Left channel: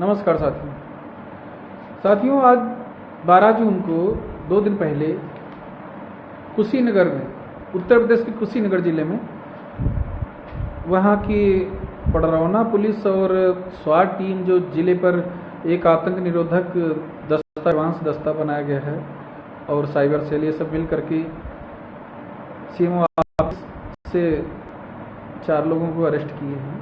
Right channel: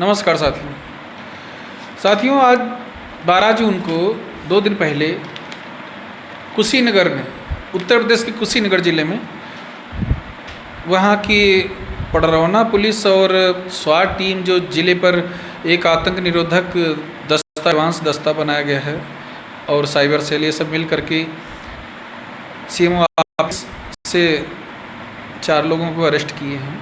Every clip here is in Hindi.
नमस्कार साथियों, आज 12 जून को 2 दिन पहले कुशीनगर में, उत्तर प्रदेश के कुशीनगर ज़िले में, वहाँ की पडरौना पुलिस और स्वाट टीम जो ज़िले पर एक आतंक निरोधक दस्ता बनाया गया है और साइबर सेल, ये सब मिल करके सीएमओ ऑफिस से 4 लोगों को अरेस्ट किए हैं।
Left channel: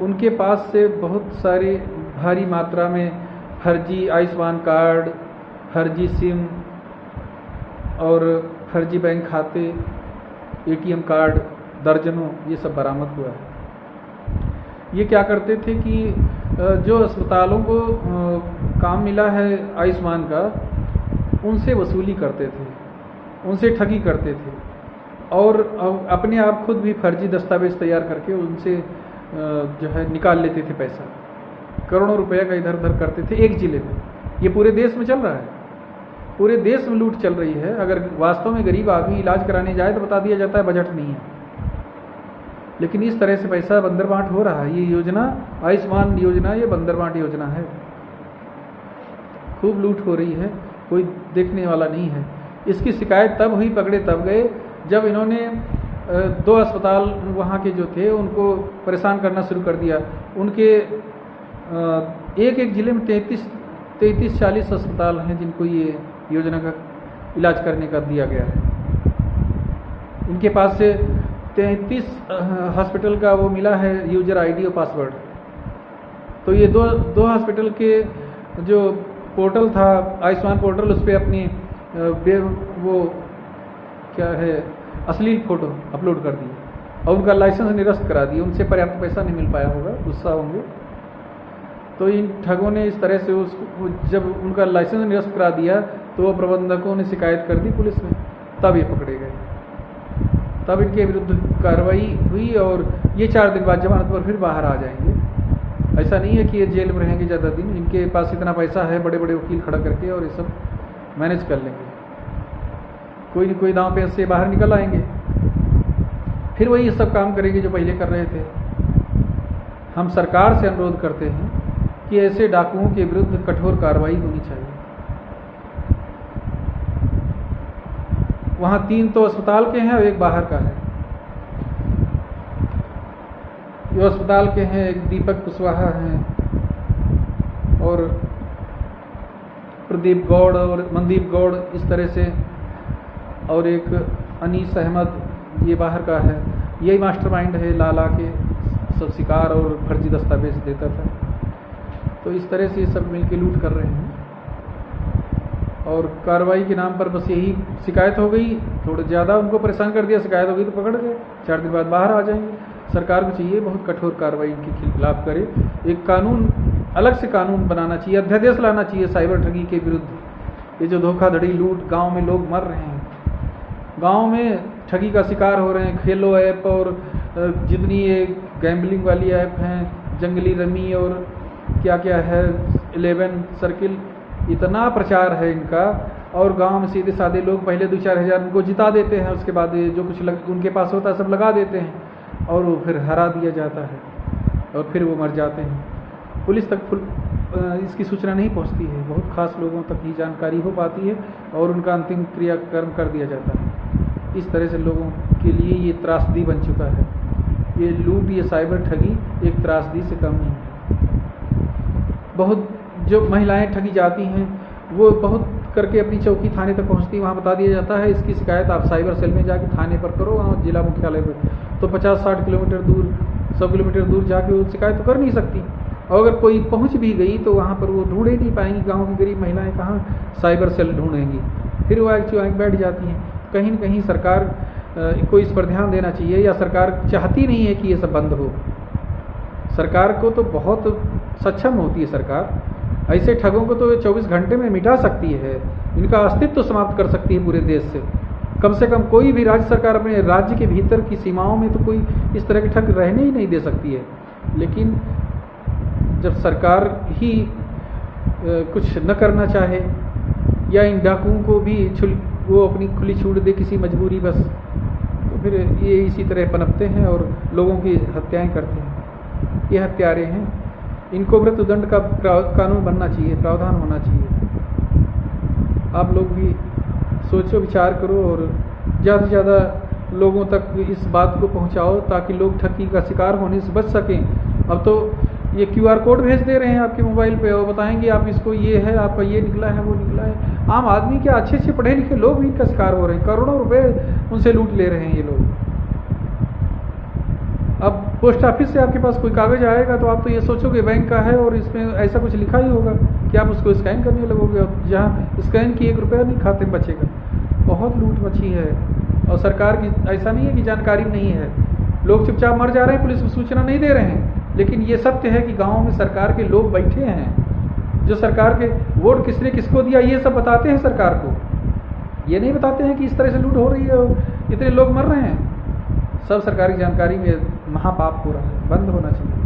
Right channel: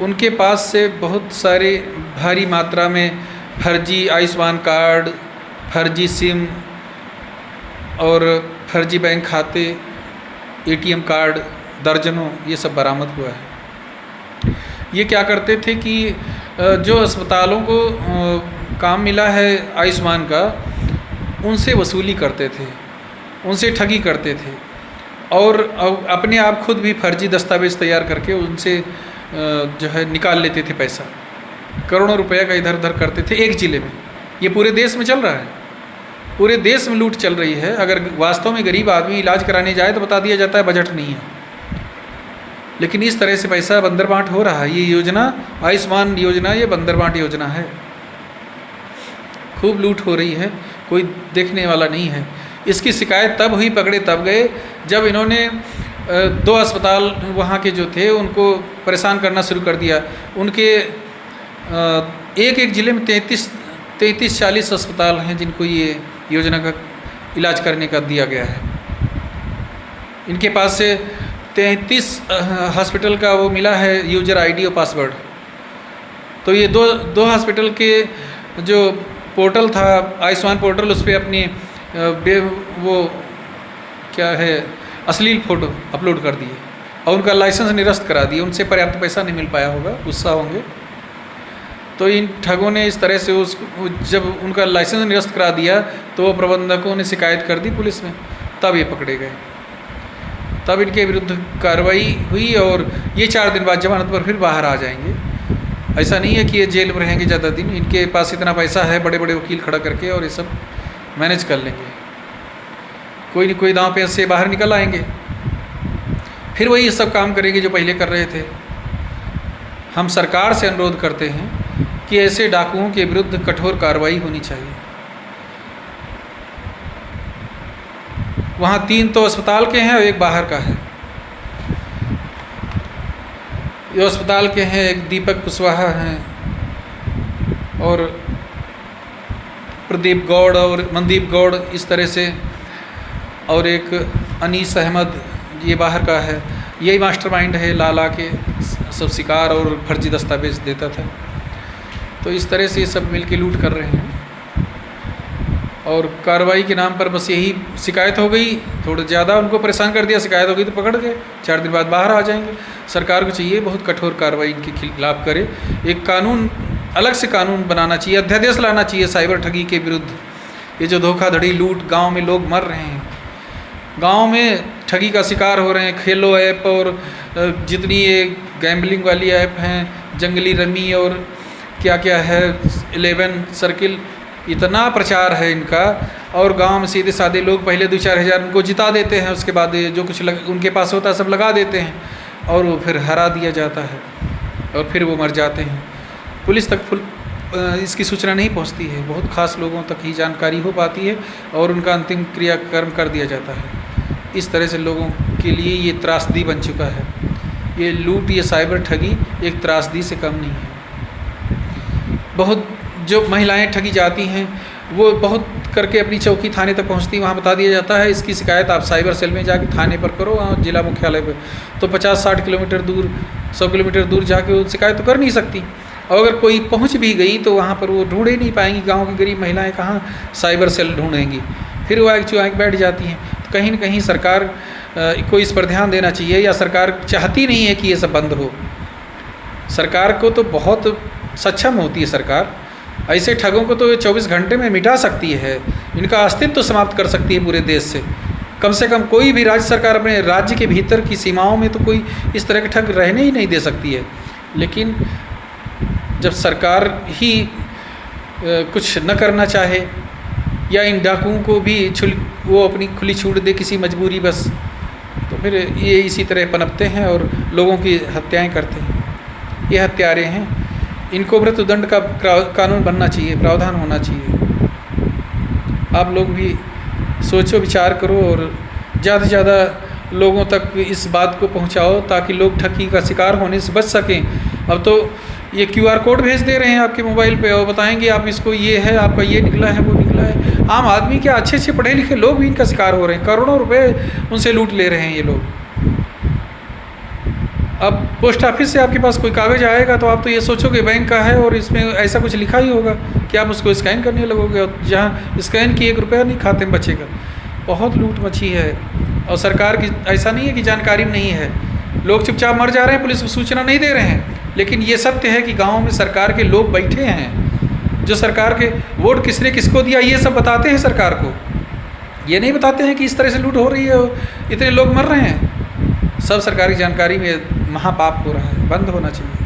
उनके पास से बहुत सारे भारी मात्रा में फर्जी आयुष्मान कार्ड, फर्जी सिम और फर्जी बैंक खाते, एटीएम कार्ड दर्जनों ये सब बरामद हुआ है। ये क्या करते थे कि जो अस्पतालों को काम मिला है आयुष्मान का, उनसे वसूली करते थे, उनसे ठगी करते थे और अपने आप खुद भी फर्जी दस्तावेज़ तैयार करके उनसे जो है निकाल लेते थे पैसा। करोड़ों रुपया का इधर उधर करते थे एक ज़िले में। ये पूरे देश में चल रहा है, पूरे देश में लूट चल रही है। अगर वास्तव में गरीब आदमी इलाज कराने जाए तो बता दिया जाता है बजट नहीं है, लेकिन इस तरह से पैसा बंदर बांट हो रहा है। ये योजना, आयुष्मान योजना, ये बंदर बांट योजना है। खूब लूट हो रही है, कोई देखने वाला नहीं है। इसकी शिकायत तब हुई, पकड़े तब गए जब इन्होंने 2 अस्पताल वहाँ के जो थे उनको परेशान करना शुरू कर दिया। उनके एक ज़िले में 33-40 अस्पताल हैं जिनको ये योजना का इलाज करने का दिया गया है। इनके पास से 33 हॉस्पिटल का वो मिला है यूजर आईडी और पासवर्ड। तो ये दो हॉस्पिटल के जो पोर्टल था आयुष्मान पोर्टल, उस पर अपनी वो क्या है अश्लील फ़ोटो अपलोड कर दिए और उनका लाइसेंस निरस्त करा दिए। उनसे पर्याप्त पैसा नहीं मिल पाया होगा, गुस्सा होंगे। तो इन ठगों ने इस तरह से जब उनका लाइसेंस निरस्त करा दिया तो प्रबंधकों ने शिकायत कर दी पुलिस में, तब ये पकड़े गए। तब इनके विरुद्ध कार्रवाई हुई और ये 4 दिन बाद जमानत पर फिर बाहर आ जाएंगे। ऐसा नहीं है कि ये जेल में रहेंगे ज़्यादा दिन। इनके पास इतना पैसा है, बड़े बड़े वकील खड़ा करके, और ये सब मैनेज कर लेंगे। कोई न कोई दांव पे से बाहर निकल आएंगे, फिर वही ये सब काम करेंगे जो पहले कर रहे थे। हम सरकार से अनुरोध करते हैं कि ऐसे डाकुओं के विरुद्ध कठोर कार्रवाई होनी चाहिए। वहाँ 3 तो अस्पताल के हैं और 1 बाहर का है। ये अस्पताल के हैं, एक दीपक कुशवाहा हैं और प्रदीप गौड़ और मनदीप गौड़, इस तरह से, और एक अनीस अहमद, ये बाहर का है। यही मास्टरमाइंड है, लाला के सब शिकार और फर्जी दस्तावेज देता था। तो इस तरह से ये सब मिलके लूट कर रहे हैं और कार्रवाई के नाम पर बस यही शिकायत हो गई, थोड़ा ज़्यादा उनको परेशान कर दिया, शिकायत हो गई तो पकड़ गए, 4 दिन बाद बाहर आ जाएंगे। सरकार को चाहिए बहुत कठोर कार्रवाई इनके खिलाफ करे। एक कानून, अलग से कानून बनाना चाहिए, अध्यादेश लाना चाहिए साइबर ठगी के विरुद्ध। ये जो धोखाधड़ी, लूट, गांव में लोग मर रहे हैं, गांव में ठगी का शिकार हो रहे हैं। खेलो ऐप और जितनी ये गैम्बलिंग वाली ऐप हैं, जंगली रमी और क्या क्या है, 11 सर्किल, इतना प्रचार है इनका। और गांव में सीधे साधे लोग पहले 2-4 हज़ार उनको जिता देते हैं, उसके बाद जो कुछ उनके पास होता है सब लगा देते हैं और वो फिर हरा दिया जाता है और फिर वो मर जाते हैं। पुलिस तक इसकी सूचना नहीं पहुंचती है, बहुत खास लोगों तक ही जानकारी हो पाती है और उनका अंतिम क्रियाकर्म कर दिया जाता है। इस तरह से लोगों के लिए ये त्रासदी बन चुका है। ये लूट, ये साइबर ठगी एक त्रासदी से कम नहीं है। बहुत जो महिलाएं ठगी जाती हैं वो बहुत करके अपनी चौकी थाने तक पहुंचती, वहाँ बता दिया जाता है इसकी शिकायत आप साइबर सेल में जाके थाने पर करो, वहाँ जिला मुख्यालय पे। तो 50-60 किलोमीटर दूर, 100 किलोमीटर दूर जाके वो शिकायत तो कर नहीं सकती। और अगर कोई पहुंच भी गई तो वहाँ पर वो ढूंढ ही नहीं पाएंगी। गांव की गरीब महिलाएं कहाँ साइबर सेल ढूंढेंगी, फिर वो आग चुआग बैठ जाती हैं। तो कहीं न कहीं सरकार को इस पर ध्यान देना चाहिए, या सरकार चाहती नहीं है कि ये सब बंद हो। सरकार को तो बहुत सक्षम होती है सरकार, ऐसे ठगों को तो 24 घंटे में मिटा सकती है, इनका अस्तित्व तो समाप्त कर सकती है पूरे देश से कम कोई भी राज्य सरकार अपने राज्य के भीतर की सीमाओं में तो कोई इस तरह के ठग रहने ही नहीं दे सकती है। लेकिन जब सरकार ही कुछ न करना चाहे या इन डाकुओं को भी वो अपनी खुली छूट दे किसी मजबूरी बस, तो फिर ये इसी तरह पनपते हैं और लोगों की हत्याएं करते हैं। ये हत्यारे हैं, इनको मृत्युदंड का कानून बनना चाहिए, प्रावधान होना चाहिए। आप लोग भी सोचो, विचार करो और ज़्यादा से ज़्यादा लोगों तक इस बात को पहुंचाओ ताकि लोग ठगी का शिकार होने से बच सकें। अब तो ये QR कोड भेज दे रहे हैं आपके मोबाइल पे और बताएंगे आप इसको, ये है आपका, ये निकला है, वो निकला है। आम आदमी क्या, अच्छे अच्छे पढ़े लिखे लोग भी इनका शिकार हो रहे हैं, करोड़ों रुपए उनसे लूट ले रहे हैं ये लोग। अब पोस्ट ऑफिस से आपके पास कोई कागज़ आएगा तो आप तो ये सोचोगे बैंक का है और इसमें ऐसा कुछ लिखा ही होगा कि आप उसको स्कैन करने लगोगे, और जहाँ स्कैन की 1 रुपया नहीं खाते में बचेगा। बहुत लूट मची है और सरकार की ऐसा नहीं है कि जानकारी नहीं है, लोग चुपचाप मर जा रहे हैं, पुलिस को सूचना नहीं दे रहे हैं। लेकिन ये सत्य है कि गाँव में सरकार के लोग बैठे हैं जो सरकार के वोट किसने किसको दिया ये सब बताते हैं सरकार को। ये नहीं बताते हैं कि इस तरह से लूट हो रही है और इतने लोग मर रहे हैं। सब सरकारी जानकारी में महापाप हो रहा है, बंद होना चाहिए।